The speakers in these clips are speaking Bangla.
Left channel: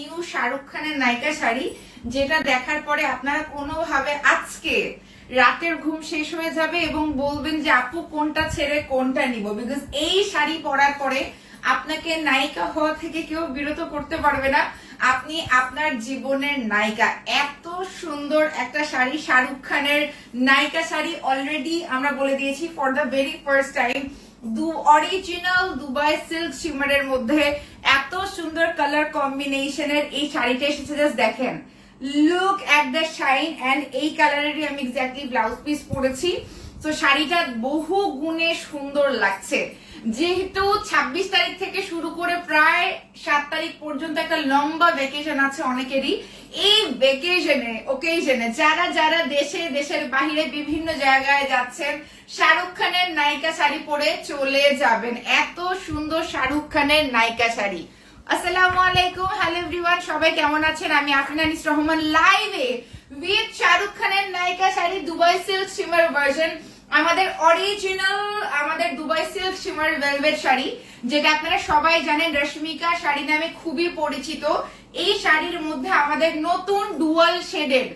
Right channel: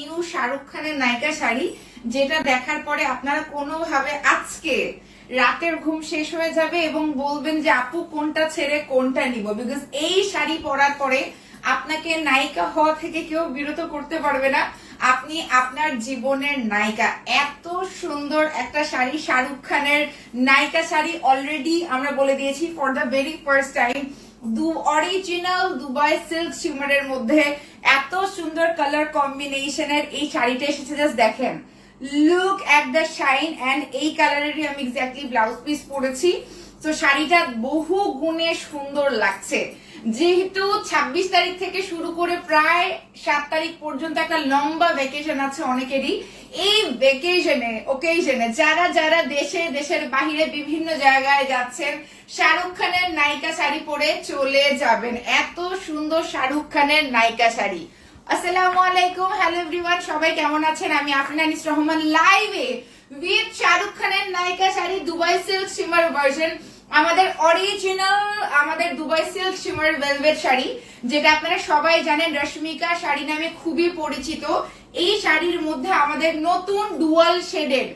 নিউ শাহরুখ খানের নায়িকা শাড়ি, যেটা দেখার পরে আপনারা কোনোভাবে আজকে রাতের ঘুম শেষ হয়ে যাবে এবং বলবেন যে আপু কোনটা ছেড়ে কোনটা নিব। বিকজ এই শাড়ি পরার পরে আপনাকে নায়িকা হওয়া থেকে কেউ বিরত করতে পারবে না। আপনি আপনার জীবনের নায়িকা। এত সুন্দর একটা শাড়ি, শাহরুখ খানের নায়িকা শাড়ি। অলরেডি আমরা বলে দিয়েছি for the very first time original Dubai silk শিমারের মধ্যে এত সুন্দর কালার কম্বিনেশনের এই শাড়িটা এসেছে। জাস্ট দেখেন, look at the shine. And এই কালারেরই আমি এক্স্যাক্টলি ব্লাউজ পিস পরেছি। তো শাড়িটা বহু গুণে সুন্দর লাগছে। যেহেতু 26 তারিখ থেকে শুরু করে প্রায় 7 তারিখ পর্যন্ত একটা লম্বা ভ্যাকেশন আছে অনেকেরই। এই ওকেশনে যারা যারা দেশের বাহিরে বিভিন্ন জায়গায় যাচ্ছেন, শাহরুখ খানের নায়িকা শাড়ি পরে চলে যাবেন। এত সুন্দর শাহরুখ খানের নায়িকা শাড়ি। আসসালামু আলাইকুম, হ্যালো এভরিওয়ান, সবাই কেমন আছেন? আমি আফরিন আনিস রহমান, লাইভে উইথ শাহরুখ খানের নায়িকা sari Dubai silk shimmer version. আমাদের original Dubai silk shimmer velvet sari, যেটা আপনারা সবাই জানেন রশ্মিকা শাড়ি নামে খুবই পরিচিত। এই শাড়ির মধ্যে আমাদের নতুন ডুয়াল শেডেড,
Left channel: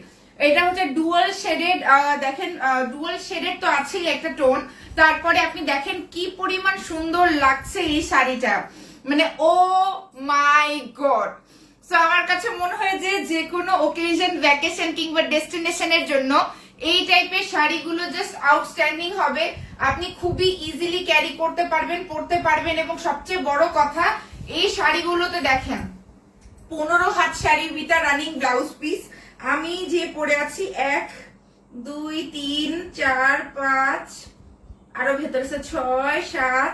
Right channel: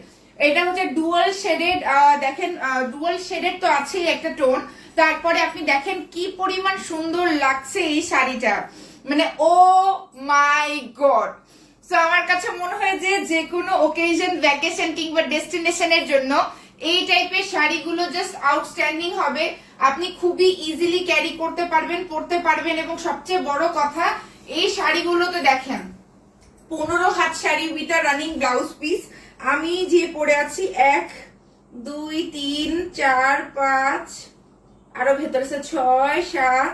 এটা হচ্ছে ডুয়াল শেডেড। দেখেন, ডুয়াল শেডেড তো আছেই একটা টোন, তারপরে আপনি দেখেন কি পরিমাণ সুন্দর লাগছে এই শাড়িটা, মানে ও মাই গড। তো আমার কাছে মনে হয় যে কোনো ওকেশন, ভ্যাকেশন কিংবা ডেস্টিনেশনের জন্য এই টাইপের শাড়িগুলো জাস্ট আউটস্ট্যান্ডিং হবে। আপনি খুবই ইজিলি ক্যারি করতে পারবেন, পরতে পারবেন। এবং সবচেয়ে বড় কথা, এই শাড়িগুলোতে দেখেন 15 হাত sari with a running blouse piece. আমি যে পরে আছি 1 2 3 4 5, আরো ভেতরে 6 7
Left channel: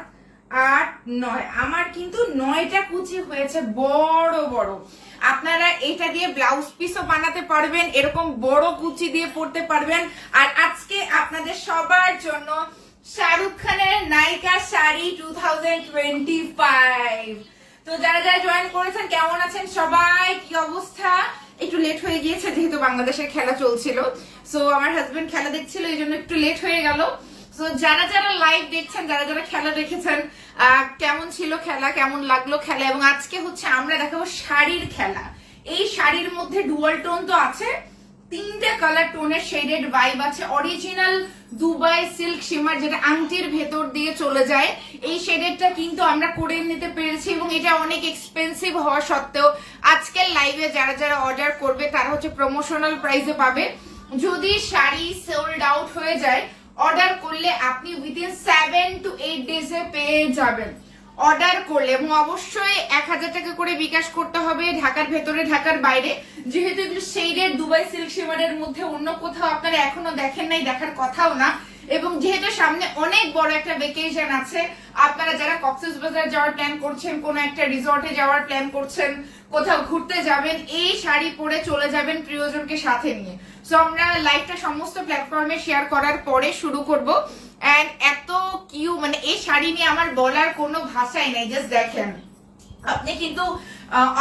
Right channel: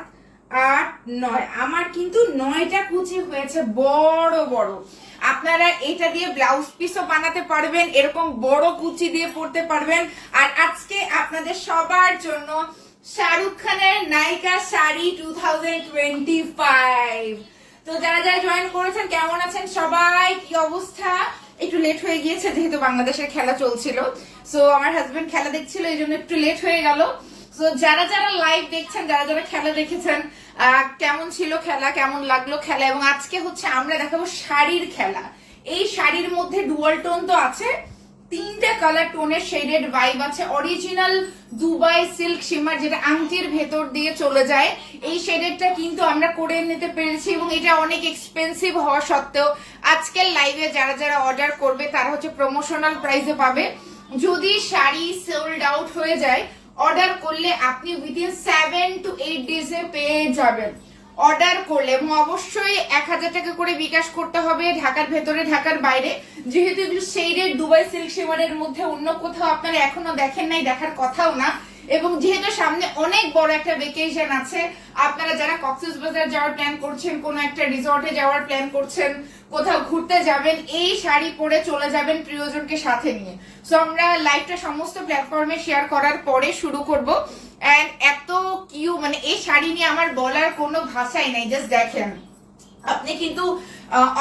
8 9, আমার কিন্তু 9টা কুচি হয়েছে বড় বড়। আপনারা এটা দিয়ে ব্লাউজ পিসও বানাতে পারবেন, এরকম বড় কুচি দিয়ে পরতে পারবেন। আর আজকে আপনাদের সবার জন্য শাহরুখ খানের নায়িকা শাড়ি 2025। তো যারা যারা জয়েন করেছেন কেমন আছেন সবাই, কি অবস্থা? একটু লেট হয়ে গিয়েছে যেহেতু বাংলাদেশের খেলা চলছিল। সো আমার হাজবেন্ড খেলা দেখছিল, এই জন্য একটু লেট হয়ে গেল। তো যারা যারা লাইভ দেখছেন, যারা যারা খেলা দেখেছেন, কেমন ছিল খেলা, কেমন লাগলো খেলা। এবং আজকে হচ্ছে আমরা দেখাবো শাড়ির খেলা। এই শাড়ির মধ্যে ডুয়াল টোন তো আছে, 3টা কালার টোনের শেডেড ভাইব আছে। অরিজিনাল দুবাই সিল্ক শিমার, যেটা আংটির ভেতর দিয়ে চলে যায়। এই শেডেডটা কিন্তু আমরা করে নিতে পেরেছি এবং এটা অনেক এক্সপেন্সিভ হওয়া সত্ত্বেও আজকের লাইভে যারা যারা অর্ডার করবে তারা হচ্ছে প্রমোশনাল প্রাইসে পাবে। যদি শাড়ি সোল্ড আউট হয়ে যায়, অর্ডার করলে আপনি উইদিন 7 to 8 ডেজে পেয়ে যাবেন অর্ডার করলে। এবং অবশ্যই 1000 টাকা করে বিকাশ করতে হবে, ঢাকার ভেতরে ঢাকার বাইরে। যেহেতু এগুলো শেডেড দুবাই সিল্ক শিমারের মধ্যে, অন্য কোথাও আপনারা এখনো দেখেন নাই, দেখার কথাও না। এবং যেহেতু সামনে অনেক বড় একটা ভ্যাকেশন আছে, আপনারা যারা কক্সবাজার যাওয়ার প্ল্যান করছেন, কোন একটা রিসোর্টে যাওয়ার প্ল্যান করছেন, কোথাও ঘুরতে যাবেন, এই শাড়ি পরে চলে যাবেন প্রিয়জনকে সাথে নিয়ে। সো আমরা লাইভটা সমস্ত প্ল্যাটফর্মে শেয়ার করার পরে শুরু করব। এন্ড এত কিউ, মানে এই শাড়ি নিয়ে আমার বলার কোনো ভাষাই নাই। জাস্ট দেখেন, আপনি কিন্তু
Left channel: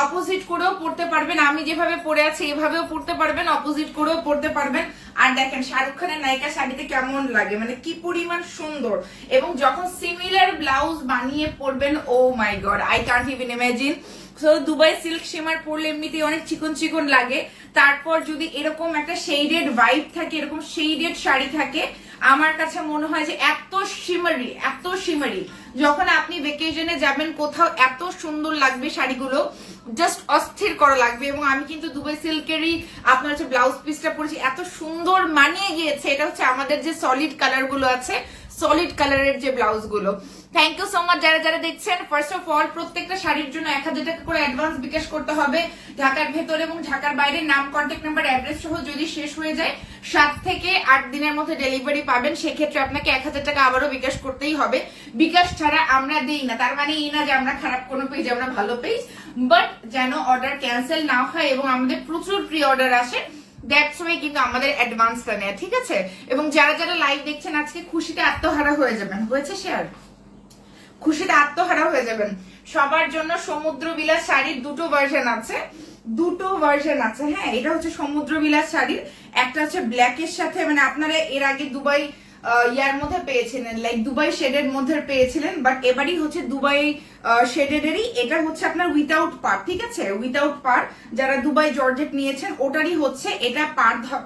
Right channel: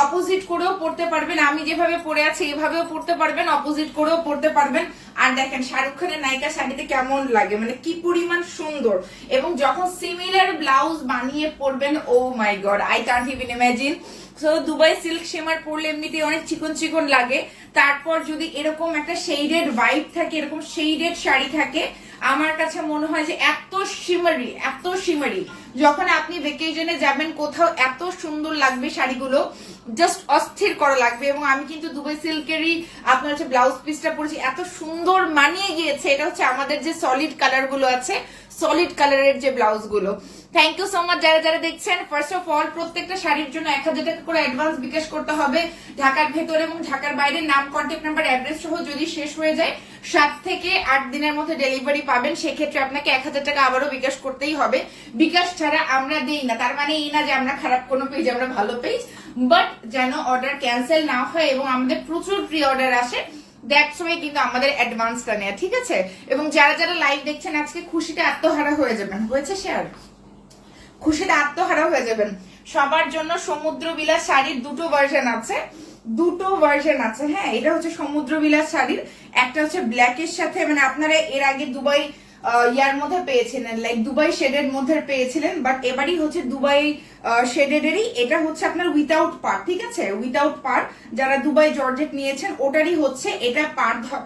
অপোজিট করেও পড়তে পারবেন, আমি যেভাবে পরে আছি এভাবেও পড়তে পারবেন, অপোজিট করেও পড়তে পারবেন। আর দেখেন শাহরুখ খানের নায়িকা শাড়িতে কেমন লাগে, মানে কি পরিমাণ সুন্দর। এবং যখন সিমিলার ব্লাউজ বানিয়ে পরবেন, oh my God, I can't even imagine. So Dubai silk shimmer পরলে এমনিতে অনেক চিকন চিকন লাগে, তারপর যদি এরকম একটা শেডেড ভাইব থাকে, এরকম শেডেড শাড়ি থাকে, আমার কাছে মনে হয় যে এত শিমারি যখন আপনি ভ্যাকেশনে যাবেন কোথাও, এত সুন্দর লাগবে শাড়িগুলো, জাস্ট অস্থির করা লাগবে। এবং আমি কিন্তু দুবাই সিল্কেরই আপনার হচ্ছে ব্লাউজ পিসটা পরেছি, এত সুন্দর মানিয়ে গিয়েছে। এটা হচ্ছে আমাদের যে সলিড কালার গুলো আছে, সলিড কালারের যে ব্লাউজ গুলো। থ্যাংক ইউ সো মাচ যারা যারা দেখছেন। ফার্স্ট অফ অল, প্রত্যেকটা শাড়ির জন্য 1000 টাকা করে অ্যাডভান্স বিকাশ করতে হবে। ঢাকার ভেতরে এবং ঢাকার বাইরে নাম, কন্ট্যাক্ট নাম্বার, অ্যাড্রেস সহ যদি শেষ হয়ে যায় 7 থেকে 8 দিনের মধ্যে ডেলিভারি পাবেন। সেক্ষেত্রে আপনাকে 1000 টাকা আবারও বিকাশ করতেই হবে। বিকাশ ছাড়া আমরা দিই না, তার মানে এই না যে আমরা খারাপ কোনো পেজ, আমরা ভালো পেজ। বাট যেন অর্ডার ক্যান্সেল না হয় এবং আমাদের প্রচুর প্রি অর্ডার আসে, দ্যাটস ওয়াই কিন্তু আমাদের অ্যাডভান্সটা নেয়, ঠিক আছে? এবং যারা যারা লাইভ দেখছেন আজকে খুশিতে আত্মহারা হয়ে যাবেন। হয়েছে শেয়ার? খুশিতে আত্মহারা হয়ে যাবেন। সবার জন্য সমুদ্র বিলাস শাড়ির দুটো ভার্সন আছে, হ্যাঁ। এটা হচ্ছে সমুদ্র বিলাস শাড়ির, একটা হচ্ছে ব্ল্যাক এর সাথে, মানে আপনারা এর আগে দুবাই ইয়ার মধ্যে পেয়েছিলেন, লাইক দুবাই শেডের মধ্যে পেয়েছিলেন, বাট এবারই হচ্ছে দুবাই শেডেরই, এটা হচ্ছে আপনার উইথাউট পার, ঠিক আছে, উইথাউট পার। যারা দুবাই জর্জেট নিয়েছেন ওটারই হচ্ছে এটা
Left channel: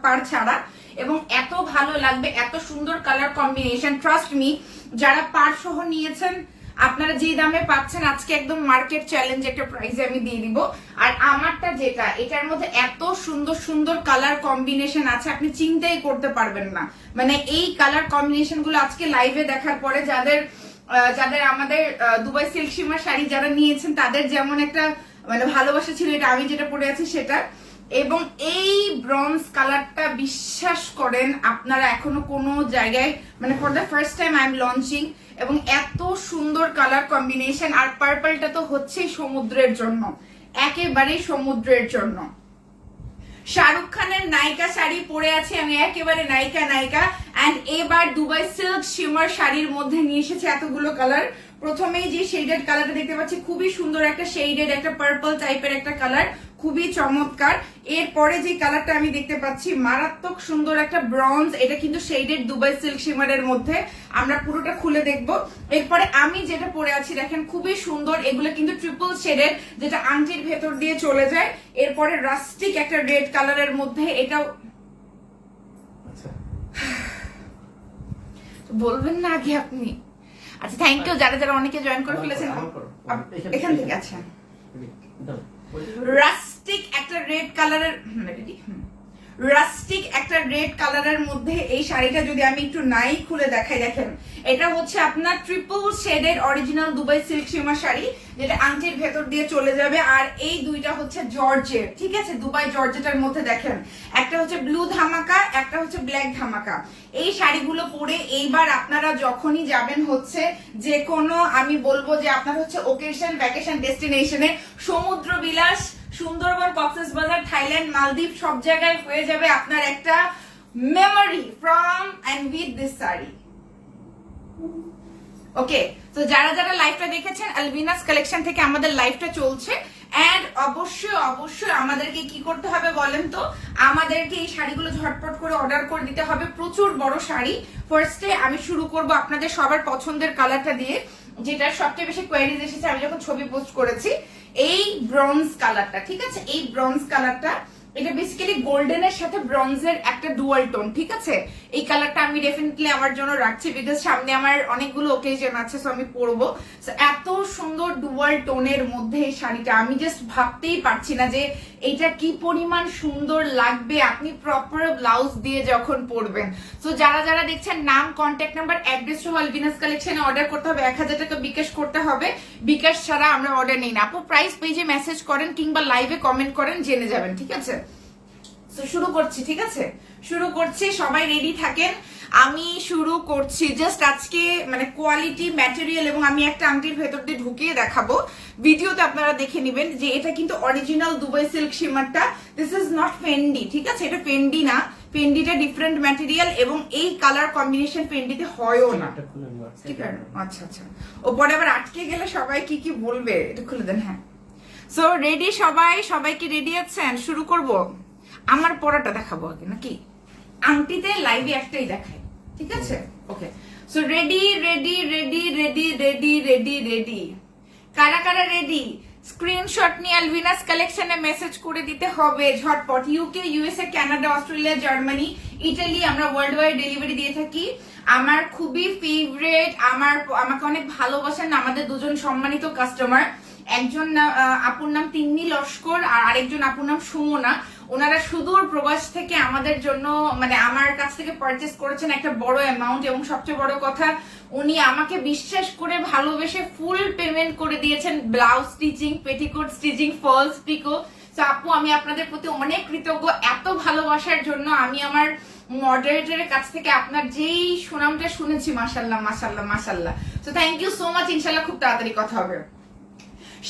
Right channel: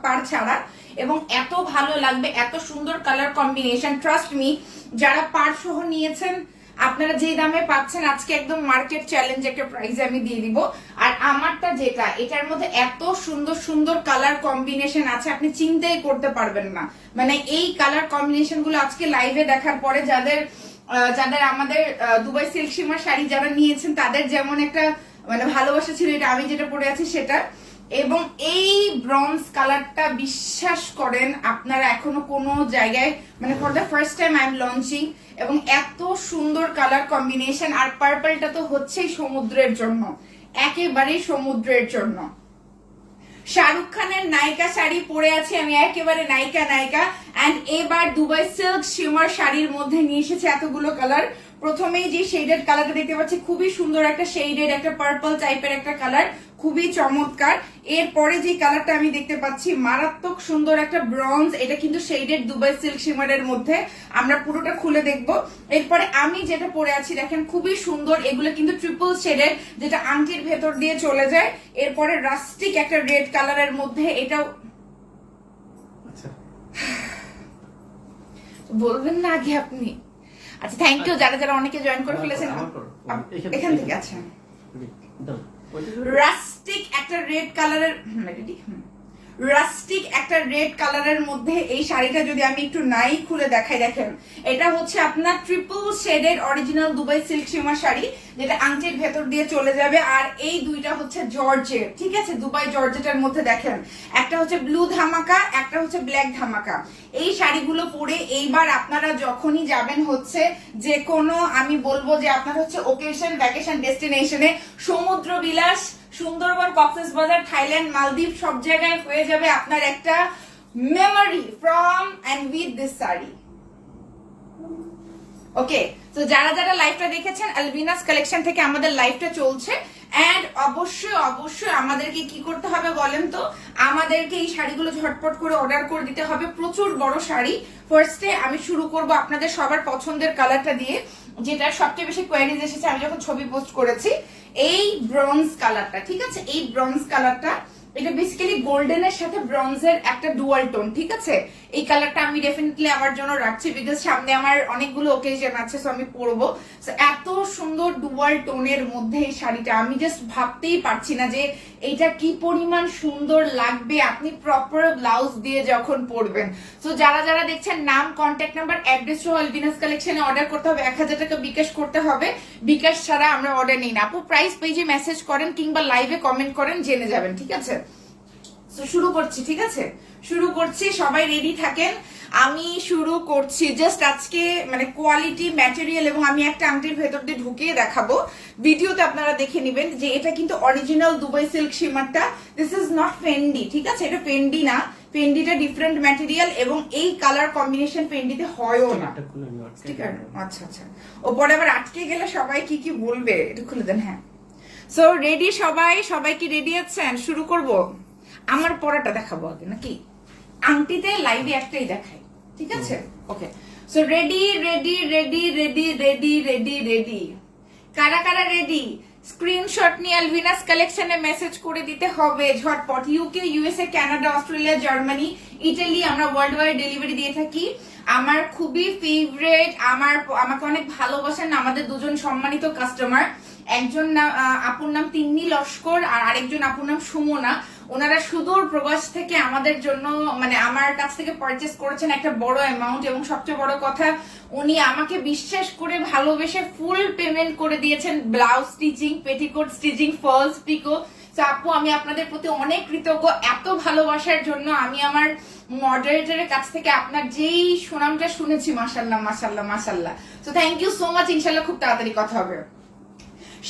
পার ছাড়া, এবং এত ভালো লাগবে, এত সুন্দর কালার কম্বিনেশন, ট্রাস্ট মি। যারা পার সহ নিয়েছেন আপনারা যে দামে পাচ্ছেন আজকে একদম মার্কেট চ্যালেঞ্জ একটা প্রাইস আমি দিয়ে দিব। আর আমারটা যেটা, এটার মধ্যে এত সুন্দর সুন্দর কালার কম্বিনেশন আছে আপনি চিন্তাই করতে পারবেন না। মানে এই কালার কম্বিনেশন গুলো আজকে লাইভে দেখার পরে যাদের আমাদের দুবাই সিল্ক শিমার শাড়ি যারা নিয়েছেন তাদের যেমন একটা মানে ভালোবাসা ছিল, এটা আমি যেটা পরে আছি সেটা। এবং এই ব্রঞ্জ কালারটা বিশ্বাস করেন আপনারা এখনো কোনো জায়গায়, মানে for the first time I am launching, এবং এত সুন্দর কালার কম্বিনেশন। আর পার্পলটা তো হচ্ছেই সমুদ্রের জন্য, একেবারেই সমুদ্রের জন্য। শাহরুখ খানের নায়িকা শাড়ি পরে আছি আমি, একেবারে নায়িকা। এন্ড এবার দুবাই সিল্ক শিমার শাড়ির মধ্যে নিয়ে এসেছে এতগুলো কালার। প্রথমেই যে শেডেড কালারটা দেখতে পাচ্ছি, খুবই সুন্দর একটা শেডেড একটা পার্পল টাইপের একটা কালার, খুবই চমৎকার। এরপরে যে কালারটা আমি দেখতে পাচ্ছি মারাত্মক সুন্দর একটা ব্রঞ্জ, এটা কিন্তু শেডেড দুবাই সিল্ক শিমারের মধ্যে, আমরা পুরোটা খুলে দেখব। এরপরে আমি যেটা পরে আছি দেখেন খুবই সুন্দর, এগুলো কিন্তু ট্রিপল শেডেড, যেটা আংটির ভেতর দিয়ে চলে যায়। এরপরে রাস্টিক একটা রেড কালারের মধ্যে, এটাও বলবেন না আগে আপনি। আচ্ছা থ্যাংক ইউ যারা অনেকে জয়েন করে ফেলেছেন এখান থেকে। আচ্ছা রাস্টিক একটা রেড কালারের, রাস্টিক একটা রেড কালারের মধ্যে এই শাড়িটা যদি আমি একটু নাই খুলে দেখাই, দেখেন এটা হচ্ছে আপনার ট্রিপল শেডের original Dubai silk shimmer sari, যেটা আংটির ভেতর দিয়ে চলে যাবে। আর এই দুইটা হচ্ছে জর্জেট, ঠিক আছে, দুবাই জর্জেটের মধ্যে দেখেন একটা হচ্ছে ব্লু ধামাকা, একটা হচ্ছে ব্ল্যাক ধামাকা। এই শাড়িগুলো পরে এইবার আপনারা যখনই যাবেন হচ্ছে যে কোনো, আমি বলবো যে আপনার হচ্ছে ওকেশন ভ্যাকেশন ডেস্টিনেশনে, সমুদ্র বিলাস, সুন্দরবন, কক্সবাজার, থাইল্যান্ড, মালদ্বীপ সব জায়গায় হয়ে যাবে আপনার একটা memory from and with this sari. Okay, তো যারা লাইভটা দেখেছেন, আলবিনাস কালেকশন থেকে আমাদের লাইভটা চলছে। এন্ড অবশ্যই আমাদেরকে কি করতে হবে বলেন তো, আমাদেরকে এই শাড়িগুলো ঝটপট করে অর্ডার করে দিতে হবে, প্রচুর বড় শাড়ি। ফার্স্টে আমি শুরু করব আপনাদের সবার পছন্দের কালারটা দিয়ে, যেটা সবচেয়ে বেশি কোয়ারিজ এসেছে আমি যখন ছবি পোস্ট করেছি, এই ব্রঞ্জ কালারটা, ঠিক আছে, এই ব্রঞ্জ কালারটা, এটা বেসিক্যালি গোল্ডেনের সাথে ব্রঞ্জের একটা ডুয়াল টোন, ঠিক আছে। এই কালারটা আমি ডেফিনেটলি আমার জন্য রাখছি, বিকজ সামনে আমার অনেকগুলো ওকেশন আছে, সো আমি পরবো। এত সুন্দর ডুয়াল টোনের মধ্যে এই শাড়িটা, আমি জাস্ট ভাবতেই পারছি না যে এইটা কি পরিমাণ সুন্দর লাগবে আপনি প্রপার ব্লাউজ দিয়ে যখন পরবেন। তো যারা দেখছেন, নাম, কন্ট্যাক্ট নাম্বার, অ্যাড্রেস সহ আলবিনাস কালেকশনে অর্ডার করতে হবে, 1000 টাকা বিকাশ করতে হবে, বিকাশ ছাড়া আমরা অর্ডার নিই না। আপু প্রাইস পেজে মেসেজ করেন কিংবা লাইভে কমেন্ট করেন, জেনে যাবেন, ঠিক আছে। শুরু করছি, ঠিক আছে, শুরু করছি, সবাই রেডি থাকেন, আমি শুরু করছি। জাস্ট আজকে মানে কোয়ালিটি, ম্যাটেরিয়াল, এবং আমি একটা আংটির ভেতর দিয়ে ঢুকিয়ে দেখাবো, ভিডিওতে আপনারা দেখে নেবেন যে এটা কিন্তু অরিজিনাল দুবাই সিল্ক শিমারটা, দিস ইজ নট ফেন্ডি, ঠিক আছে, এটা ফেন্ডি না, ফেন্ডিটা ডিফারেন্ট ম্যাটেরিয়াল, এবং এই কালার কম্বিনেশন ফেন্ডিতে হয়ও না, ঠিক আছে। আচ্ছা, ওপরে আবার আটকে গেলে সবাই কি বলবে, এটা খুলে দেন। হ্যাঁ, সো রেডি সবাই কি রেডি আছেন? শুরু করব। আমার পরাটা দেখাবো আগে নাকি আংটিতে লাইভে একটাই দেখাই, ঠিক আছে। ওকে, সো রেডি, কারা রেডি? স্ক্রিনশট নিয়ে আলবিনাস কালেকশনে মেসেজ করে দিতে হবে ঝটপট। UK, USA, Canada, Australia, Germany, Italy, আমরা ওয়ার্ল্ড ওয়াইড ডেলিভারি দিয়ে থাকি। আমার খুবই ফেভারিট, আমাকে অনেক ভালোবাসেন আমাদের দুজন সম্মানিত কাস্টমার, একজন আপুর নাম তিন্নি লস্কর আর আরেকজন আপুর নাম সুমনা। ওনারা সুদূর প্রবাস থেকে আমাদের জন্য, মানে আমার কাছ থেকে পারচেস করেছেন একটা বড় অ্যামাউন্ট, এবং সবচেয়ে বড় কথা উনি আমাকে বিশ্বাস করে ভালোবেসে ফুল পেমেন্ট করে দিয়েছেন blouse stitching, petticoat stitching, falls picot. তো আপু আমি আপনাদের প্রতি অনেক কৃতজ্ঞ এত ভালোবাসার জন্য। আমি আমার মডারেটরের কাছ থেকে আপনার যেই সুনামটা শুনেছি, মাশাল্লাহ। So thank you so much, ইনশাল্লাহ খুব তাড়াতাড়ি কথা হবে।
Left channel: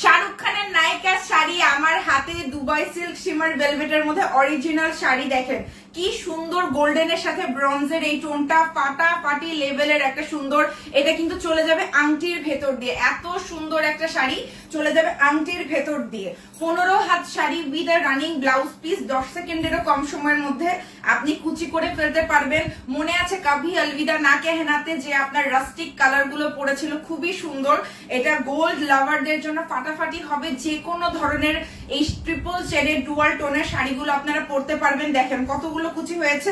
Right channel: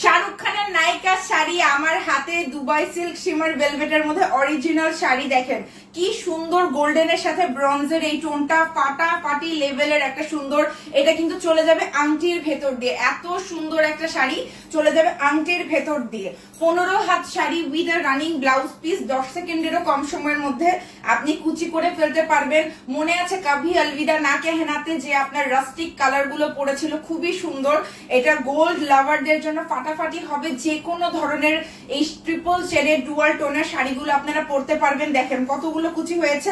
শাহরুখ খানের নায়িকার শাড়ি আমার হাতে, দুবাই সিল্ক শিমার ভেলভেটের মধ্যে অরিজিনাল শাড়ি। দেখেন কি সুন্দর গোল্ডেনের সাথে ব্রঞ্জের এই টোনটা, ফাটাফাটি লেভেলের একটা সুন্দর। এটা কিন্তু চলে যাবে আংটির ভেতর দিয়ে, এত সুন্দর একটা শাড়ি চলে যাবে আংটির ভেতর দিয়ে। 15 হাত sari with a running blouse piece, 10 সেকেন্ডেরও কম সময়ের মধ্যে আপনি কুচি করে ফেলতে পারবেন। মনে আছে কাভি আলবিদা না কেহনাতে যে আপনার রাস্টিক কালার গুলো পড়েছিল, খুবই সুন্দর। এটা গোল্ড লাভারদের জন্য ফাটাফাটি হবে। যে কোনো ধরনের এই ট্রিপল শেডের ডুয়াল টোনের শাড়িগুলো আপনারা পরতে পারবেন। দেখেন কতগুলো কুচি হয়েছে,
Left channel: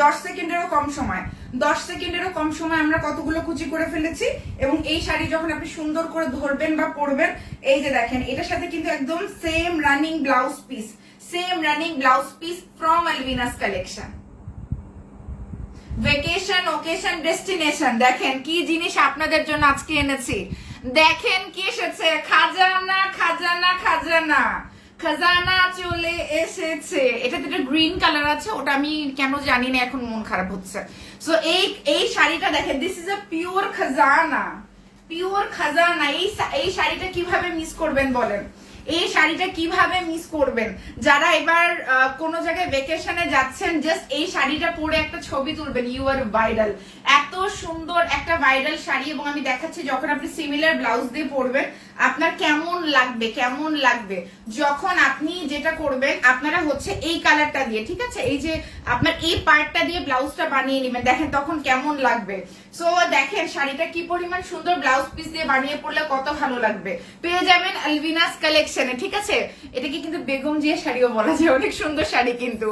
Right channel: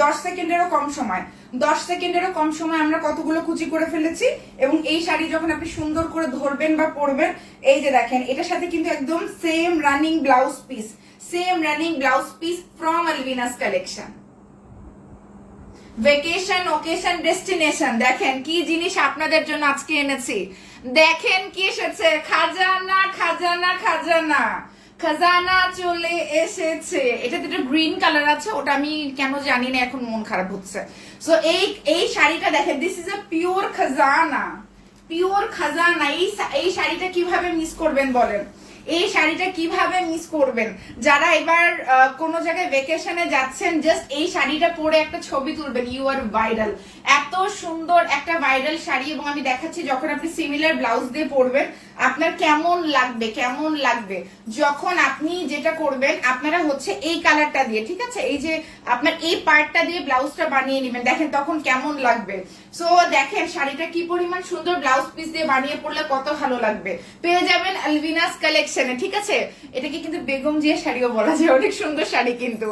10 সেকেন্ডেরও কম সময়, 10 সেকেন্ডেরও কম সময় আমরা কতগুলো কুচি করে ফেলেছি। এবং এই শাড়ি যখন আপনি সুন্দর করে ধরবেন বা পরবেন, এই যে দেখেন এটার সাথে কিন্তু একদম same running blouse piece, same running blouse piece from Alvinas collection. Vacation, occasion, destination, দেখেন কি জিনিস আপনাদের জন্য আজকে এনেছি। দেখেন কি এসেছে, খাজানা খাজানা খাজানা, খাজানা চলে এসেছে। এটা তো গ্রিন কালার আছে, ওটা আমি কেন জানি না, এখন মন খারাপ হচ্ছে। সো এই শাড়িটা দেখেন, দিস ইজ আ পিওর খাজানা, পিওর খাজানা। এই শাড়িটা কিভাবে মিস করবেন বলেন, এই শাড়িটা কিভাবে মিস করবেন? যারা এবার কোন জায়গায় ভেকেশনে যাচ্ছেন, জাস্ট এই শাড়িটা পরে একটা ছবি তুলবেন, ইউ আর ভাইরাল। এত সুন্দর একটা ভাইরাল শাড়ি, এবং আমি দেখাচ্ছি যখন আপনি সিমিলার ব্লাউজ দিয়ে পরবেন আপনার কেমন লাগবে, কেমন লাগবে। যখন আপনি যেটা করবেন, আপনারা হচ্ছে এই কালারটা দিয়ে, ঠিক আছে, এই যে আপনার এই পার্টটা দিয়ে ব্লাউজটা বানিয়ে নেবেন, দেখেন তখন কেমন লাগবে। সো দেখেন শাড়িটা কি পরিমাণ সুন্দর, ব্লাউজ পিস দিয়ে বানিয়ে পড়লে কত ভালো লাগবে। পেয়ে যাবেন আলভিনাস কালেকশনে, ঠিক আছে। এটাকে কিন্তু বেগম জিয়া শাড়িও বলা যায়, অনেক সুন্দর শাড়ি কিন্তু।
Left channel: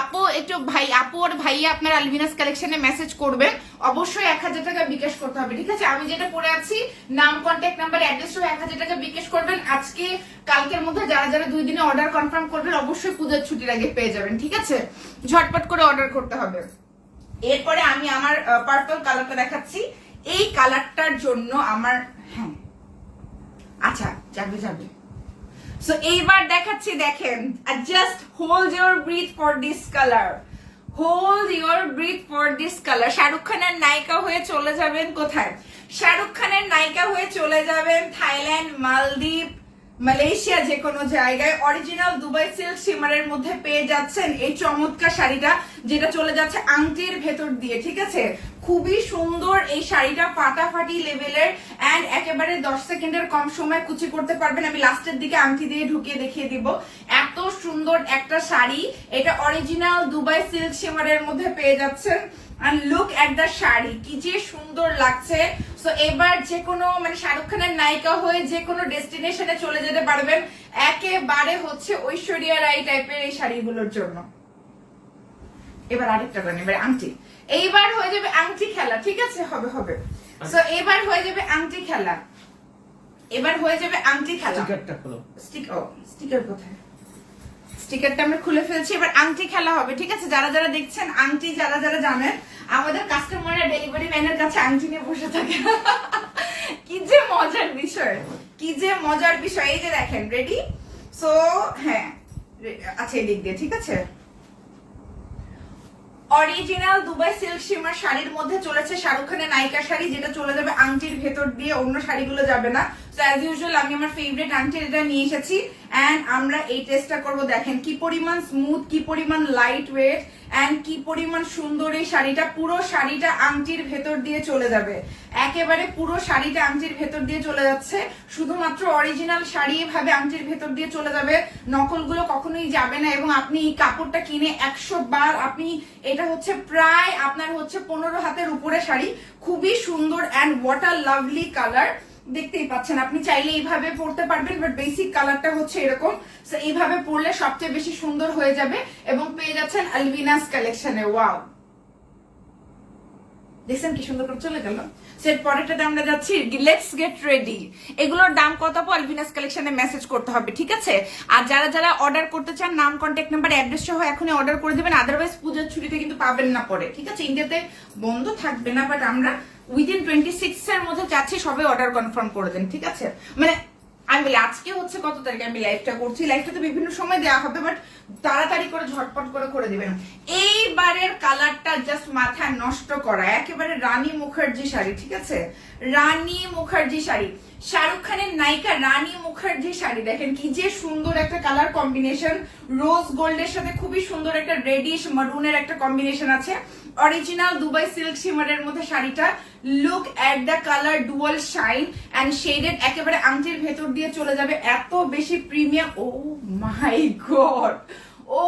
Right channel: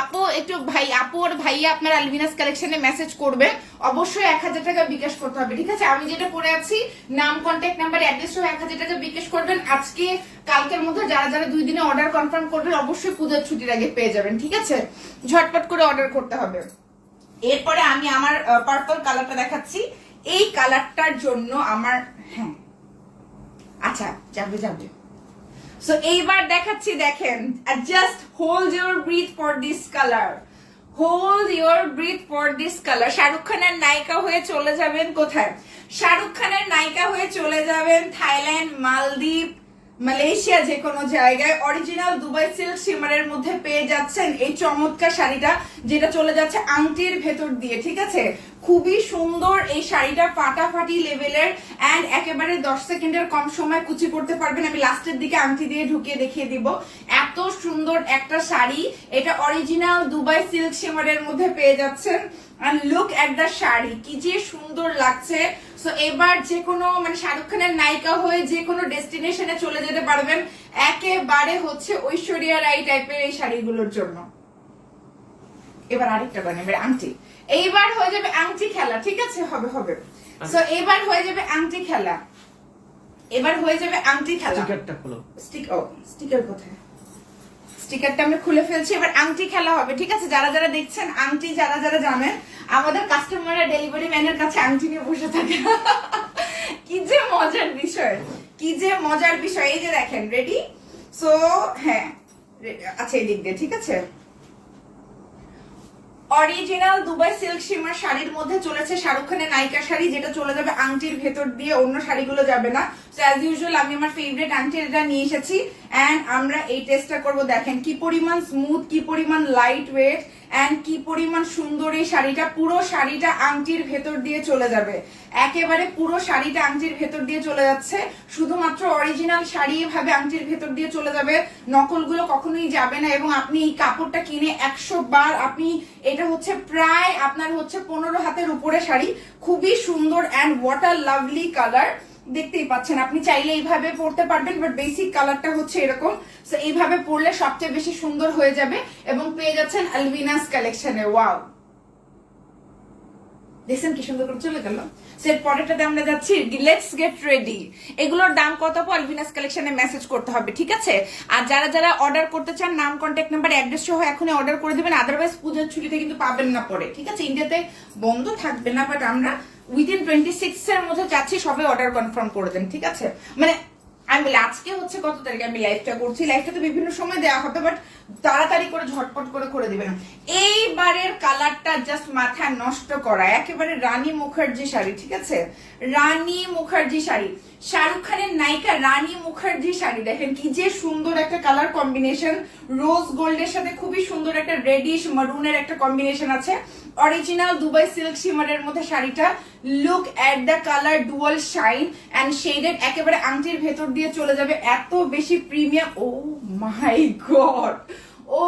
আপু একটু আপু আর ভাইয়া আপনার আলভিনাস কালেকশনে মেসেজ করবে, অবশ্যই 1000 টাকা বিকাশ করতে হবে, ঠিক আছে। আমি যেটা পরে আছি, নাম, কন্ট্যাক্ট নাম্বার, অ্যাড্রেস সহ 1000 টাকা বিকাশ করবেন। আজকে কালকের মধ্যে যারা যারা 2 দিনে অর্ডার কনফার্ম করবেন, অবশ্যই পূজার ছুটির আগে পেয়ে যাবেন, ঠিক আছে। ঝটপট করে অর্ডার করতে হবে। এরপরে আমি আমার পার্পল কালারটা দেখাচ্ছি। এই কালারটার জন্য আমার, হ্যাঁ আচ্ছা যাবে যাবে। সো এইবার দেখাচ্ছি, দেখেন, just hold your breath for this colour, hold your breath for this colour. Shahrukh খানের নায়িকা হয়ে চলে যাবেন কোথায়? শাহরুখ খানের নায়িকা হয়ে চলে যাবেন থাইল্যান্ড, মালদ্বীপ, মালয়েশিয়া, যে কোনো জায়গায়। অরিজিনাল দুবাই সিল্ক শিমারের মধ্যে পেয়ে যাচ্ছেন এই চমৎকার শাড়িটা, যেটা চলে যাচ্ছে আংটির ভেতর দিয়ে, ঠিক আছে। খুবই সুন্দর এই শাড়িটা, ফাটাফাটি লেভেলের, এন্ড একেবারে 10 সেকেন্ডের কম সময় কুচি করতে পারবেন। আমি লাস্টের দিকে আংটি দিয়ে ঢুকিয়ে দেখিয়ে দিব। এত সুন্দর একটা শাড়ি, এটা অরিজিনাল দুবাই সিল্ক শিমারের মধ্যে পেয়ে যাচ্ছেন। And look at the sari, কি যে সুন্দর লাগছে। সো এবার যে কোনো মানে শাহরুখ খানের নায়িকা হয়ে যে কোনো ডেস্টিনেশনে চলে যেতে পারবেন, একেবারে হচ্ছে ঐশ্বরিয়া রাই টাইপের এই শাড়িগুলোর জন্য। এবার আরেকটা বানিয়ে, এবার আংটি, এইবার হয়ে যাবে আংটি খেলা, ঠিক আছে, হবে হবে। সো এবার হয়ে যাবে আংটি খেলা, এবার হয়ে যাবে আংটি খেলা। স্টিকারটা খোলো। স্টিকার কোথায়? স্টিকারটা আমরা খুলে ফেলছি, এবার আংটি খেলা হবে, ঠিক আছে। যারা যারা দেখছেন আংটি, যারা যারা জানেন, আমাদের কাস্টমাররা ডেলিভারি ম্যানের কাছে আংটি নিয়ে বসে থাকে। কি যে মজার বিষয়, কি যে মজার বিষয়। এই যে দেখেন, রেডি? সো হ্যাঁ, আচ্ছা এই দিক দিয়ে, ঠিক আছে। অরিজিনাল দুবাই সিল্ক শিমার শাড়ির মধ্যে চলেছে শাহরুখ খানের নায়িকা শাড়ি, যেটা চলে যাবে আংটির ভেতর দিয়ে, অন্য শাড়িগুলো যাবে না। সো অ্যাজ ইউজুয়াল আমি আমার ফেভারিট আংটির এটা নিয়ে এসেছি, এন্ড আমরা এই টেস্টটা করব। দেখেন কি পরিমাণ স্মুথ, কি পরিমাণ লাইট ওয়েট, এন্ড কি পরিমাণ সুন্দর এই শাড়িটা। পুরো শাড়িটা আংটির ভেতর দিয়ে চলে যাবে, একেবারে পুরো শাড়িটা আংটির ভেতর দিয়ে চলে যাচ্ছে। শুধুমাত্র অরিজিনাল শাড়ি এভাবে আংটির ভেতর দিয়ে চলে যাবে, নকলগুলো কখনোই যাবে না। এবং আপনি এই কাপড়টা কিনে 100 বার আপনি, এটা হচ্ছে প্রায় আপনার হচ্ছে 15 হাতের উপরে শাড়ি, খুবই সুন্দর, and what a lovely colour. দেখতেই পাচ্ছেন, আপনি চাইলে এইভাবে পরতে পারবেন, বাট বেসিক কালারটা হচ্ছে এরকম। সো এইভাবে পরলে সবচেয়ে বেশি সুন্দর হয়ে যাবে, এবং পেয়ে যাচ্ছেন আলভিনাস কালেকশনে। ওয়াও, দেখছেন কি সুন্দর করে চলে গেল। সেট পরেরটাতে আমরা যাচ্ছি, লেটস গেট রেডি। এগুলোর দাম কত আলভিনাস কালেকশনে মেসেজ করতে হবে, ঠিক আছে। আর যারা যারা অর্ডার করতে চান, নাম, কন্ট্যাক্ট নাম্বার, অ্যাড্রেস সহ এখনই অর্ডার করে দিবেন, আদারওয়াইজ পুজোর ছুটিতে কিন্তু পাবেন না পরে, ঠিক আছে। ইন্ডিয়াতে বন্ধ থাকবে না, বাট আমরা উইদিন 26 এর মধ্যে চাচ্ছি সবাই অর্ডার কনফার্ম করে দেন, ঠিক আছে। মানে আমি বলি আজকে হচ্ছে কত তারিখে আমি লাইভটা করছি, লাইভটা তো বিভিন্ন সময় দেওয়া হবে, বাট তাড়াতাড়ি করে ঝটপট করে দিবেন। এইবারের কালারটা জাস্ট মাথা নষ্ট করা, একেবারে রানী মুখার্জি শাড়ি, ঠিক আছে, রানী মুখার্জি শাড়ি। শাহরুখ খানের নায়িকা রানী মুখার্জি শাড়ি দেখেন কি যে সুন্দর একটা কালার কম্বিনেশন, রোজ গোল্ডের সাথে খুবই সুন্দর একটা রেডিশ মারুনের একটা কম্বিনেশন আছে। অরিজিনাল দুবাই সিল্ক শিমারের মধ্যে শাড়িটা। Look at the colour, dual shine and shaded, একেবারে আংটির ভেতর দিয়ে চলে যাবে, এত বেশি premium. Oh my god, oh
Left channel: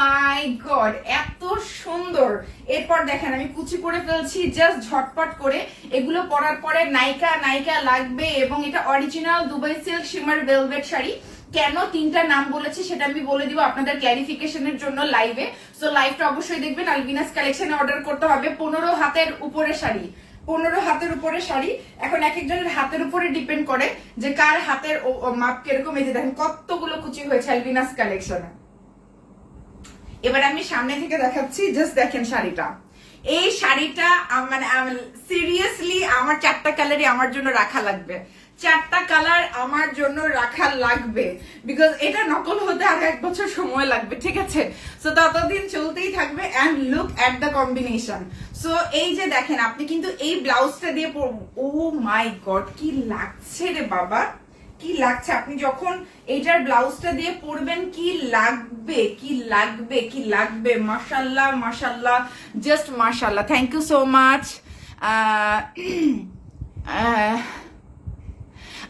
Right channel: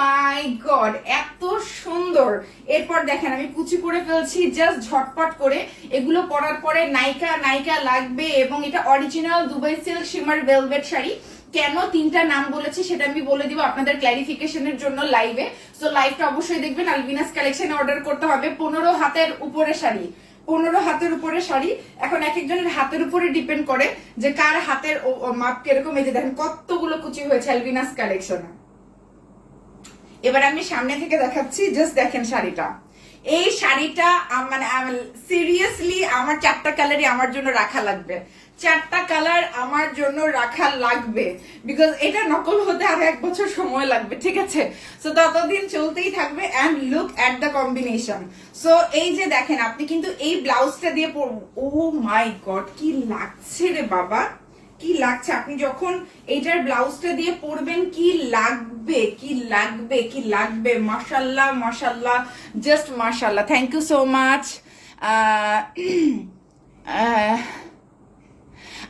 my god, এত সুন্দর। এরপর দেখেন আমি কুচি করে ফেলছি জাস্ট ঝটপট করে। এগুলো পরার পরে নায়িকা নায়িকা লাগবে। এবং এটা original Dubai silk shimmer velvet sari. কেন তিনটা নাম বলেছি সেটা আমি বলে দিব আপনাদের ক্ল্যারিফিকেশনের জন্য লাইভে। সো লাইভটা অবশ্যই দেখবেন। আলবিনাস কালেকশনে অর্ডার করতে হবে। 15 হাতের উপরে শাড়ি, 15 হাতের উপরে শাড়ি। এখন এক একজনের হাতের উপরে ডিপেন্ড করে যে কার হাতের মাপ কিরকম। এই যে দেখেন কতগুলো কুচি হয়েছে আলবিনাস কালেকশনে। এবার আমি সামনে থেকে দেখাচ্ছি, জাস্ট দেখেন শাড়িটা। এই শাড়িটা মানে সিরিয়াসলি আমার 4টা কালারই আমার জন্য রাখা লাগবে, 4টা কালার আমার জন্য রাখা লাগবে, বিকজ এটা নকল হতে আর 1 বছর সময় লাগবে, ঠিক আছে? সো ততদিন চলতেই থাকবে। And look at the combination. So এই যে দেখেন, আপনি কিন্তু এই ব্লাউজটা দিয়ে পরবো, ও মাই গড কি লাগছে রে বাবা, কি লাগছে। আপনি যখন এইটার ব্লাউজটা দিয়ে পরবেন কি লাগবে, কি লাগবে, কি লাগবে। মাশাল্লাহ মাশাল্লাহ, জাস্ট মাশাল্লাহ। Thank you so much.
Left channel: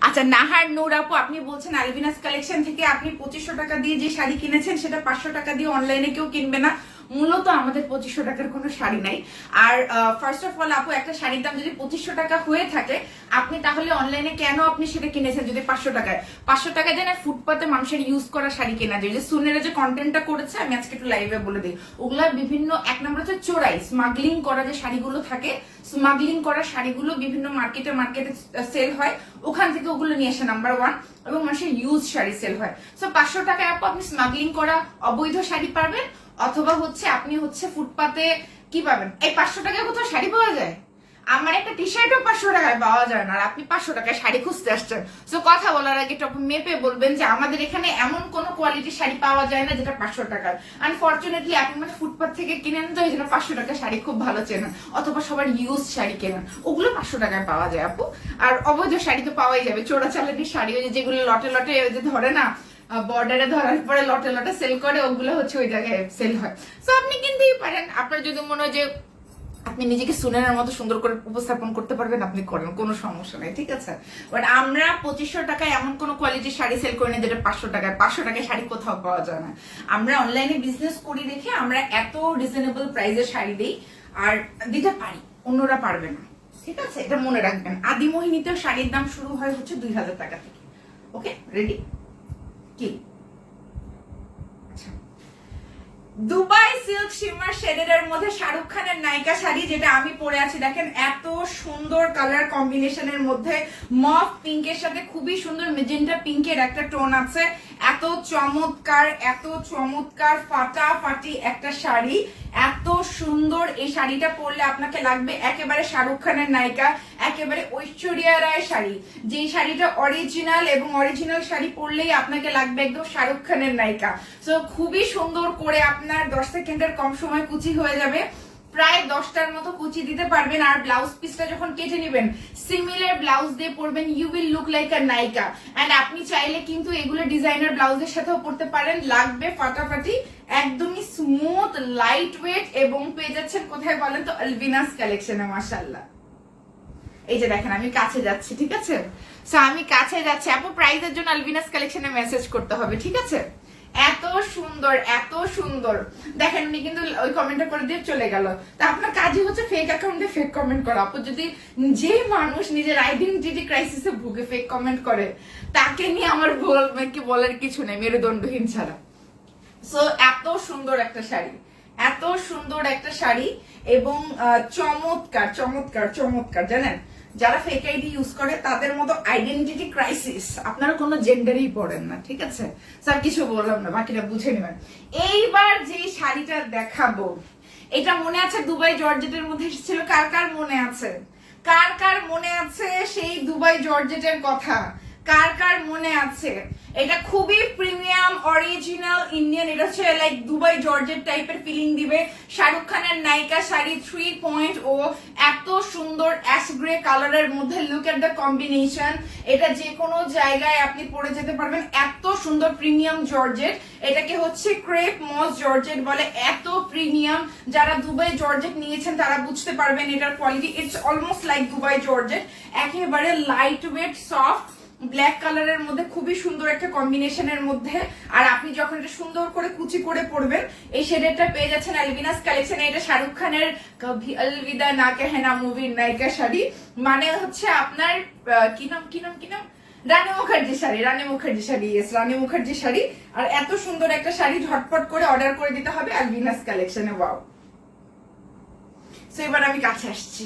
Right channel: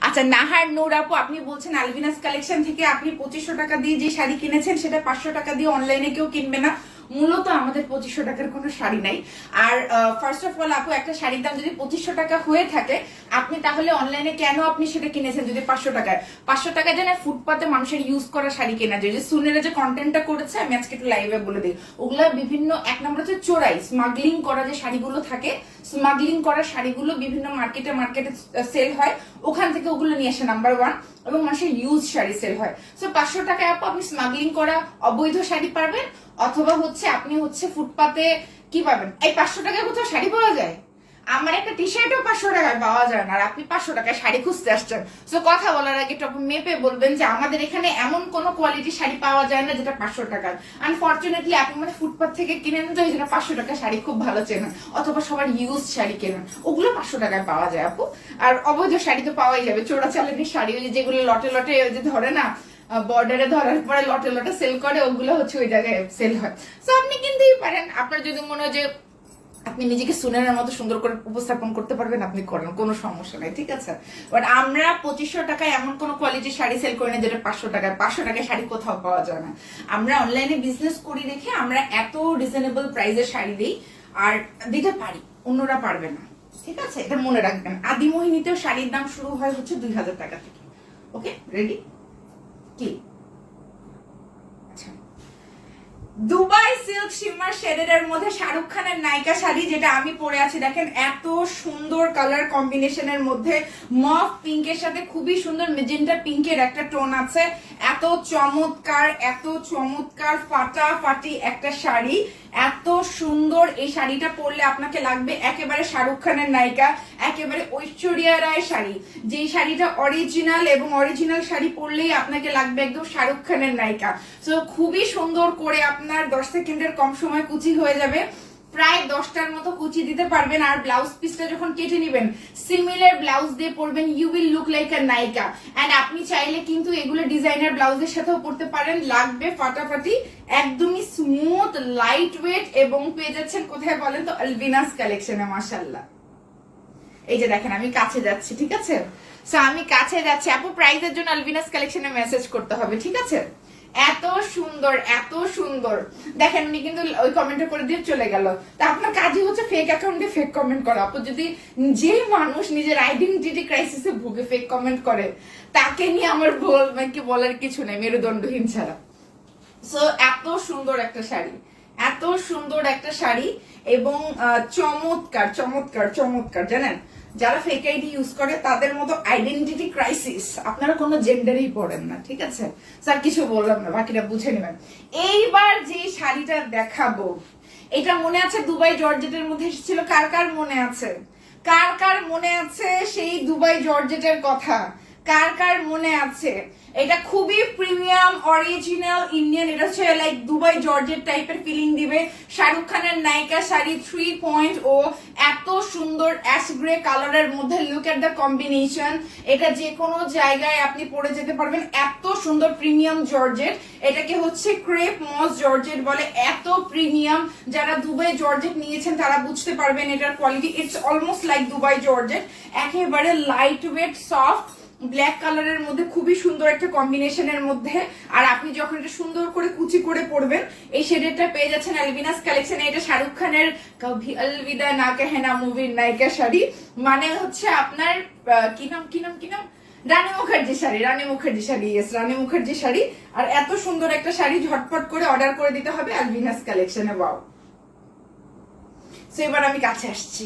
আচ্ছা, নাহার নূর আপু আপনি বলছেন আলবিনাস কালেকশন থেকে আপনি 2500 টাকা দিয়ে যে শাড়ি কিনেছেন সেটা 500 টাকা দিয়ে অনলাইনে কেউ কিনবে না। মূলত আমাদের 2500 টাকার কোনো শাড়ি নাই। আর ফার্স্ট অফ অল আপু, একটা শাড়ির দাম যদি 2500 টাকা হয়ে থাকে, আপনি তাহলে অনলাইনে কেন আপনি সেটা কিনেছেন যদি 500 টাকায়? 500 টাকায় যেন ফুটপাতে মানুষের ইউজ করা শাড়ি কেনা যায়। যে সুনেরা যে কন্টেন্টটা করেছে, আমি আজকে একটু লাইভে বলে দিই, ওগুলা বিভিন্ন, এক নম্বর হচ্ছে চোরাই স্মাগলিং করা যে শাড়িগুলো থাকে, স্মাগলিং করা শাড়িগুলো বিভিন্ন মার্কেটে সেল হয়, ওখান থেকে ওগুলো নিয়ে আসে নাম্বার 1। এবং মানুষের ইউজ শাড়ি সেল হয়। সো 500 টাকায় আপনি স্মাগলিং করা অবৈধ শাড়ি পাবেন, অথবা হচ্ছে আপনি হচ্ছে ফুটপাতে কি পাবেন। এই 500 টাকায় কোথাও শাড়ি পাওয়া যায়? আমার একটা টি শার্টও 500 টাকায় পাওয়া যায় না, আর আপনি 500 টাকায় শাড়ি খুঁজতে আসছেন। সো কথা বলার আগে একটু মেপে বলবেন যে আমাদের এখানে এমন কোন কোয়ালিটির শাড়ি পাওয়া যায় না যেটা 500 টাকার। আনফর্চুনেটলি আপনি মানে ফুটপাত থেকে কিনেন, তো এই জন্য 500 টাকা শাড়ি খুব ভালো চেনেন, অথবা সবার ইউজ শাড়ি কেনেন, ওগুলো 500 টাকায় পাওয়া যায় আপু। আর অবৈধ শাড়ি তো পাওয়াই যাবে, চোরাচালানের শাড়ি, ওই যেগুলো লটে লটে যে ধরে না, বর্ডারে ধরার পরে লটে লটে সেল করে, ওগুলো হচ্ছে ওই জায়গায় সেল হয়। সো আপনি কিনতেই পারেন, আপনার যদি মনে হয় যে আপনি নিজেকে সুনেনের মতো সুন্দর করে উপস্থাপন করতে পারবেন, আপনি করেন, কোনো সমস্যা নেই, ঠিক আছে? বাট আমরা 2500 টাকায় এমন কোন কোয়ালিটির শাড়ি সেল করি না যেটা 500 টাকায়। 500 টাকায় শাড়ি কোথাও পাওয়া যায় না। আমরা অনলাইনে বিজনেস করি দেখে আমরা এত রিজনেবল প্রাইসে শাড়ি দিই, আর দিতে পারি, অন্যরা পারবে না, ঠিক আছে? এটা মনে রাখবেন। আদিমোহিনীতেও শাড়ির দাম শুরু হয় হচ্ছে 2000 টাকা থেকে। ওকে, রেডি? কি দুবাই সিল্ক শিমার শেডেড এর মধ্যে শাহরুখ খানের নায়িকা শাড়ি, যেটা আমি পরে আছি। দেখেন এত সুন্দর কালার কম্বিনেশনের মধ্যে, মফ পিঙ্কের সাথে খুবই সুন্দর মেজেন্টা পিঙ্কের একটা টোন আছে। এত চমৎকার, এত চমৎকার ফাটাফাটি একটা শাড়ি, এত সুন্দর। এই শাড়িটা পরলে আপনাকে লাগবে একেবারে শাহরুখ খানের নায়িকা, একেবারে ঐশ্বরিয়া রায় শাড়ি। যে শাড়িটা অরিজিনাল, এবং অরিজিনাল শাড়ি পরলেই আপনাকে লাগবে একদম শাহরুখ খানের নায়িকা। তো খুবই সুন্দর করে আপনার 10 সেকেন্ডের কম সময় কুচি হয়ে যাবে, প্রায় 10টার মতো কুচি দিতে পারবেন। আর ব্লাউজ পিসটা যখন কেটে নেবেন, সিমিলার ব্লাউজ দিয়ে পরবেন, you will look like a নায়িকা। এন্ড আপনি চাইলে কিন্তু এগুলো ডিজাইনার ব্লাউজের সাথেও পরতে পারেন, লাগবে ফাটাফাটি, একদমই স্মুথ, লাইট ওয়েট। এবং পেয়ে যাচ্ছেন কোথায় বলেন তো? আলবিনাস কালেকশনে। মাশাআল্লাহ, এই যে দেখেন আমি কাছে যাচ্ছি, ঠিক আছে? সো আমি কাছে যাচ্ছি আপু, প্রাইজের জন্য আলবিনাস কালেকশনে মেসেজ করতে হবে, ঠিক আছে? এত সুন্দর, এত সুন্দর। দেখেন উনি কিন্তু ওই কমেন্টটা করে দিয়ে চলে গেল। তা আপনার কাজই হচ্ছে ফেক অ্যাকাউন্টে ফেক কমেন্ট করা। আপু যদি যে মানুষ নিজের আইডেন্টিটি ক্রাইসিসে ভুগে ফেক কমেন্ট করে, তাকে নিয়ে আমার কি বলার কিছু নেই, মেরুদণ্ডহীন ছাড়া। সো এত সুন্দর একটা শাড়ি, এত সুন্দর একটা শাড়ি, এবং চমৎকার চমৎকার চমৎকার। জানেন, যারা ফেক আইডি ইউজ করে তাদের মতো আইডেন্টিটি ক্রাইসিস আপনারা কোনো জেন্ডারই পড়েন না, ঠিক আছে? স্যার কিছু বললাম না, বাকিটা বুঝে নেবেন। এইবার যে শাড়িটা দেখাবো, এটা মনে আছে দুবাই জর্জেটের মধ্যে এসেছিল? কার কার মনে আছে? কার কার মনে আছে সেই দুবাই জর্জেটের কথা? কার কার মনে আছে? এটা খুবই প্রিমিয়াম অরিজিনাল ইন্ডিয়ান, এটা হচ্ছে লাইক দুবাই জর্জেট টাইপের ফিলিং দিবে। শাহরুখ খানের নায়িকা শাড়ি 3.0, এত সুন্দর অ্যাশ গ্রে কালারের মধ্যে, লুক এট দ্য কম্বিনেশন। এটা যে কোনো জায়গায় আপনি পরে যেতে পারবেন, এত সুন্দর প্রিমিয়াম জর্জেট। এটাকে হচ্ছে ক্রেপ মস জর্জেট বলে, এত প্রিমিয়াম। যারা দুবাই জর্জেট নিয়েছেন তারা বুঝতে পারবেন এটার quality. It's almost like Dubai georgette, একেবারে লাইট ওয়েট সফট ব্ল্যাক কালারের মধ্যে, খুবই সুন্দর একটা কম্বিনেশনের মধ্যে। আর আপনি যখন এটা সুন্দর করে কুচি করে পরবেন, এই শেডেরটা পেয়ে যাচ্ছেন আলবিনাস কালেকশনে। এটা শাহরুখ খানের কভি অলবিদা না কেহেনা মুভির নায়িকা শাড়ি, মানে হচ্ছে আপনার কি নাম রানী মুখার্জি শাড়ি, রানী মুখার্জি শাড়ি। আর এত সুন্দর একটা শাড়ি ঝটপট করে অর্ডার করে দিতে হবে আলবিনাস কালেকশনে। ওয়াও। সো এবার আমি কাছে আসছি,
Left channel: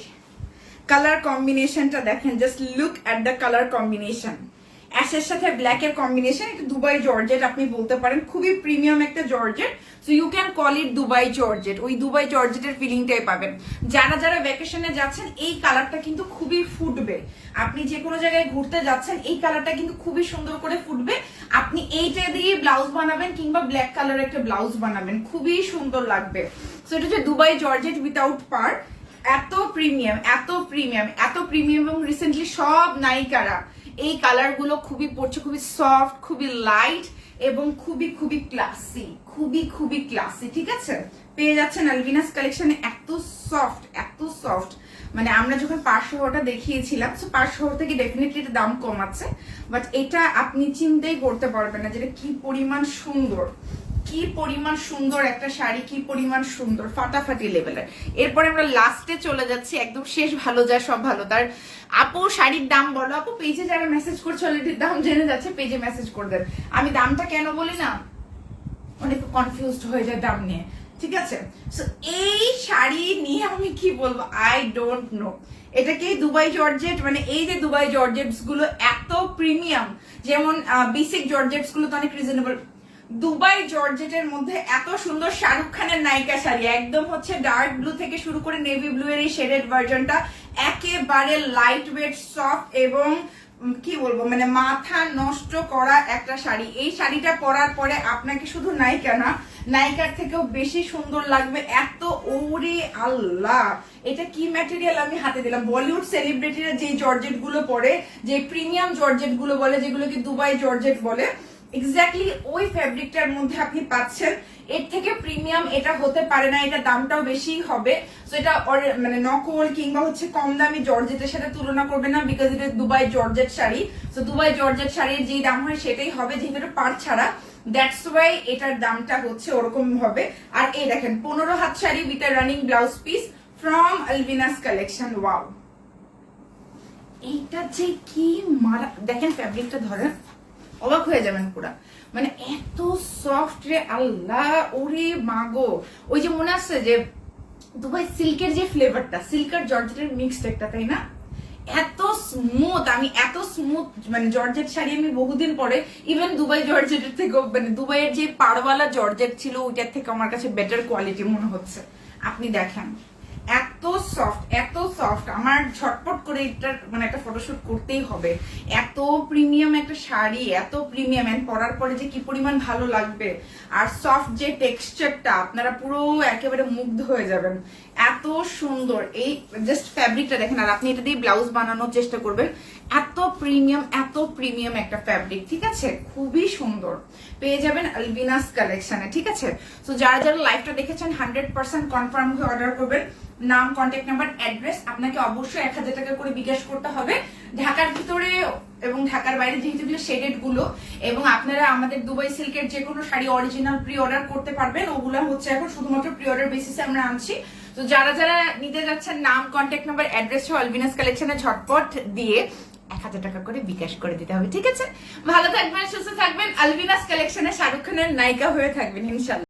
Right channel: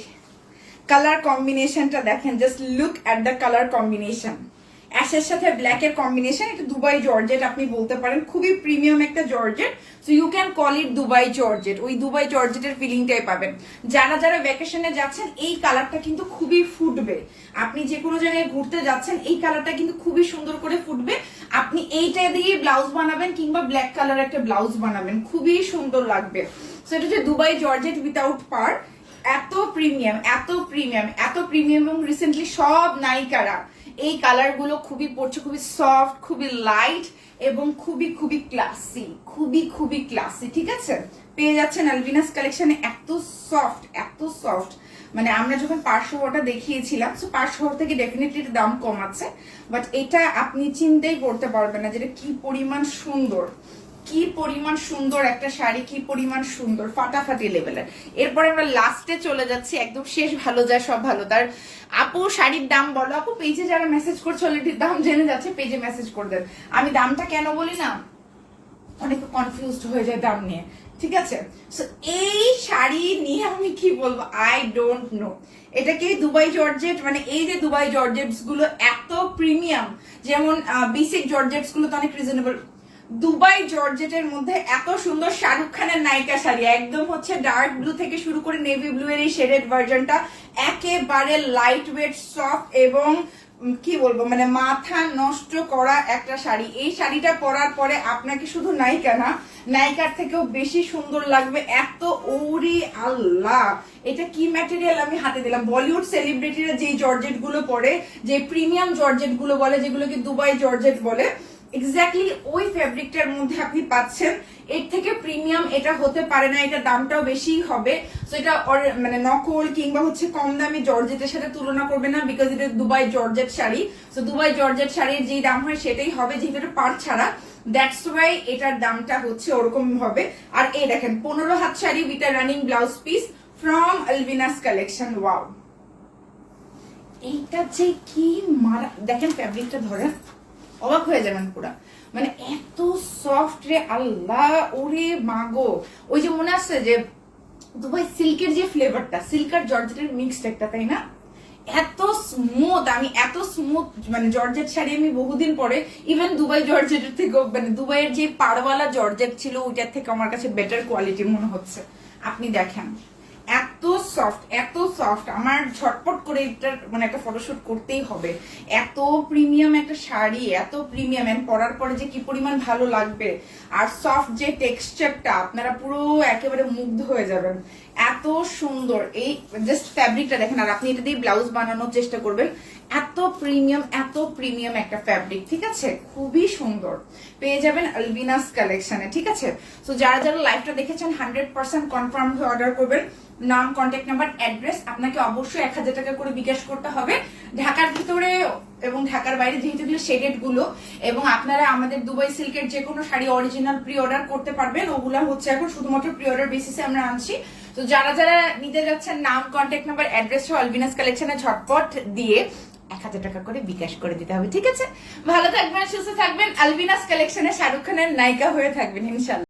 কালার কম্বিনেশনটা দেখেন, just look at the colour combination. অ্যাশের সাথে ব্ল্যাক এর কম্বিনেশন, এটা দুবাই জর্জেট আপনি বলতে পারেন, খুবই প্রিমিয়াম একটা georgette. So you can call it Dubai georgette, ওই দুবাই জর্জেটের ফিলিংটাই পাবেন। যারা যারা ভ্যাকেশনে যাচ্ছেন এই কালারটা কিন্তু খুবই ফুটবে। আপনি যে কোনো জায়গায় ঘুরতে যাচ্ছেন এই কালারটা কিন্তু খুবই সুন্দর করে ফুটবে। আপনি এইটা দিয়ে ব্লাউজ বানাবেন কিংবা ব্ল্যাক কালার একটা ব্লাউজ বানাবেন, খুবই সুন্দর লাগবে। সো এটা হচ্ছে দুবাই জর্জেট উইথাউট পার, এত প্রিমিয়াম এবং রিসেন্টলি সব নায়িকারা এই কালার গুলো খুবই পড়ছে, খুবই সফট, খুবই লাইট এবং খুবই ক্লাসি, ঠিক আছে? পেয়ে যাচ্ছেন আলবিনাস কালেকশনে। এত সফট, মানে আমরা যখন পাঁচশোটা দেখিয়েছিলাম, পাঁচশো থেকে ডেফিনেটলি দাম কম আছে, বাট এটা আপনি চিন্তাই করতে পারবেন না যেটা কি পরিমাণ সুন্দর একটা শাড়ি, কি পরিমাণ সুন্দর, ফাটাফাটি লেভেলের। এরপরে আমরা লাস্টে চলে যাচ্ছি, একদম শেষ ভালো যায় সব ভালো তার। আপু শাড়ির দাম বলো। আপু পেজে যারা মেসেজ করছে অলরেডি দাম জেনে যাচ্ছে, পেজে মেসেজ করে দেন। আমি দামটা কেন বলি না, অনেক কনফিউজড হয়ে যায় দাম নিয়ে, ঠিক আছে? এই শাড়ি নিয়ে আমি কি বলবো, আই ডোন্ট নো। এটা কি দুবাই জর্জেট, মানে এই যে দুবাই জর্জেটস গুলো এত প্রিমিয়াম, যেমন বেসিক জর্জেটস গুলো তো অনেক রিজনেবল, দুবাই জর্জেটের মধ্যে এত সুন্দর শাহরুখ খানের নায়িকা শাড়ি, একদম হচ্ছে ডার্ক ব্লু থেকে শুরু করে নেভি ব্লু এর এই শেডেড ভার্জনটা, একেবারে লাইট ওয়েট সফট এবং কি বলবো, মানে মাথা নষ্ট করা একটা শাড়ি। এই শাড়িটা পরার পরে আপনাকে শুধু নায়িকা না, নায়িকার থেকেও বেশি সুন্দর লাগবে। এত ওরি আল্লাহ, এটা কি ম্যাটেরিয়াল আমি হাতে দিলাম। বলিউড সেলিব্রিটিরা যে জর্জেট গুলো পরে, যে প্রিমিয়াম জর্জেট গুলো বলে, যেগুলোকে দুবাই জর্জেট বলে, এক্স্যাক্টলি ওই ফ্যাব্রিকটার মধ্যে আপনি পাচ্ছেন। এর থেকে প্রিমিয়াম এটা হতে পারে না, এটা দামটাও বেশি হবে। সো এটা মানে নকল কিংবা হচ্ছে কম দামি জর্জেটের সাথে তুলনা করবে না, বিকজ এটা Dubai georgette sari. So Dubai georgette শাড়ির যেই দাম হয় সেটাই হবে, যেহেতু পার ছাড়া, দ্যাটস ওয়াই এটার দামটা হচ্ছে ওরকম হবে। আর এই দেখেন 15 হাত sari with a running blouse piece from Albinas collection. Wow, এইটা যে কি মারা, দেখেন ফ্যাব্রিকটা ধরেন, অবাক হয়ে যাবেন পুরা, মানে এত সফট রে আল্লাহ, ওরে মাগো। ওই যে মনে আছে যে দুবাই সিল্কের যে ফ্লেভারটা, সিল্ক আর জর্জেটের মিক্সড একটা, তাই না? এত স্মুথ, আমি এত স্মুথ মানে জর্জেট শাড়ি আমি বহুদিন পরে, ইভেন দুবাই জর্জেটের থেকে, মানে দুবাইয়ের যে পাড়ওয়ালা জর্জেট ছিল ওইটার থেকে আমার কাছে বেটার কোয়ালিটি মনে হচ্ছে। আপনি দেখেন এত সফট, আমার ঝটপট করে এটা মানে একটা ফটোশুট করতেই হবে। এত প্রিমিয়াম একটা শাড়ি, এত প্রিমিয়াম, এন্ড পরার পরে যে কি পরিমাণ ভালো লাগবে। আর সফট যে টেক্সচারটা, আপনারা পুরো একেবারে মুগ্ধ হয়ে যাবেন, এত সুন্দর। এই জাস্ট ফ্যাব্রিকটা দেখেন, আর আপনি এটা দিয়ে ব্লাউজ বানানোর চেষ্টা করবেন। এত প্রিমিয়াম একটা ফ্যাব্রিক, ঠিক আছে? খুবই সুন্দর, পেয়ে যাবেন আলবিনাস কালেকশনে, ঠিক আছে? তো যারা যারা লাইভটা দেখেছেন 100% কনফার্ম হয়ে অর্ডার করবেন। নাম, কন্ট্যাক্ট নাম্বার, অ্যাড্রেস, আপনাকে অবশ্যই 1000 টাকা করে বিকাশ করতে হবে। ঢাকার ভিতরে এবং ঢাকার বাইরে যেহেতু শেডেড গুলো, এবং আপনারা আমাদের দুবাই সিল্কের যে কোনো শাড়ি অরিজিনাল প্রি অর্ডার করতে পারবেন। ওগুলা হচ্ছে এখন শুধুমাত্র প্রি অর্ডার বেসিসে আমরা আনছি। তো যারা যারা নিতে যাচ্ছেন, নাম, কন্ট্যাক্ট নাম্বার, অ্যাড্রেস ও আলবিনাস কালেকশনে ঝটপট দিয়ে 1000 টাকা করে বিকাশ করে দিতে হবে, ঠিক আছে? ভালো থাকবেন, সুস্থ থাকবেন, আলবিনাস কালেকশনে শাহরুখ খানের নায়িকা হয়ে থাকবেন ইনশাআল্লাহ।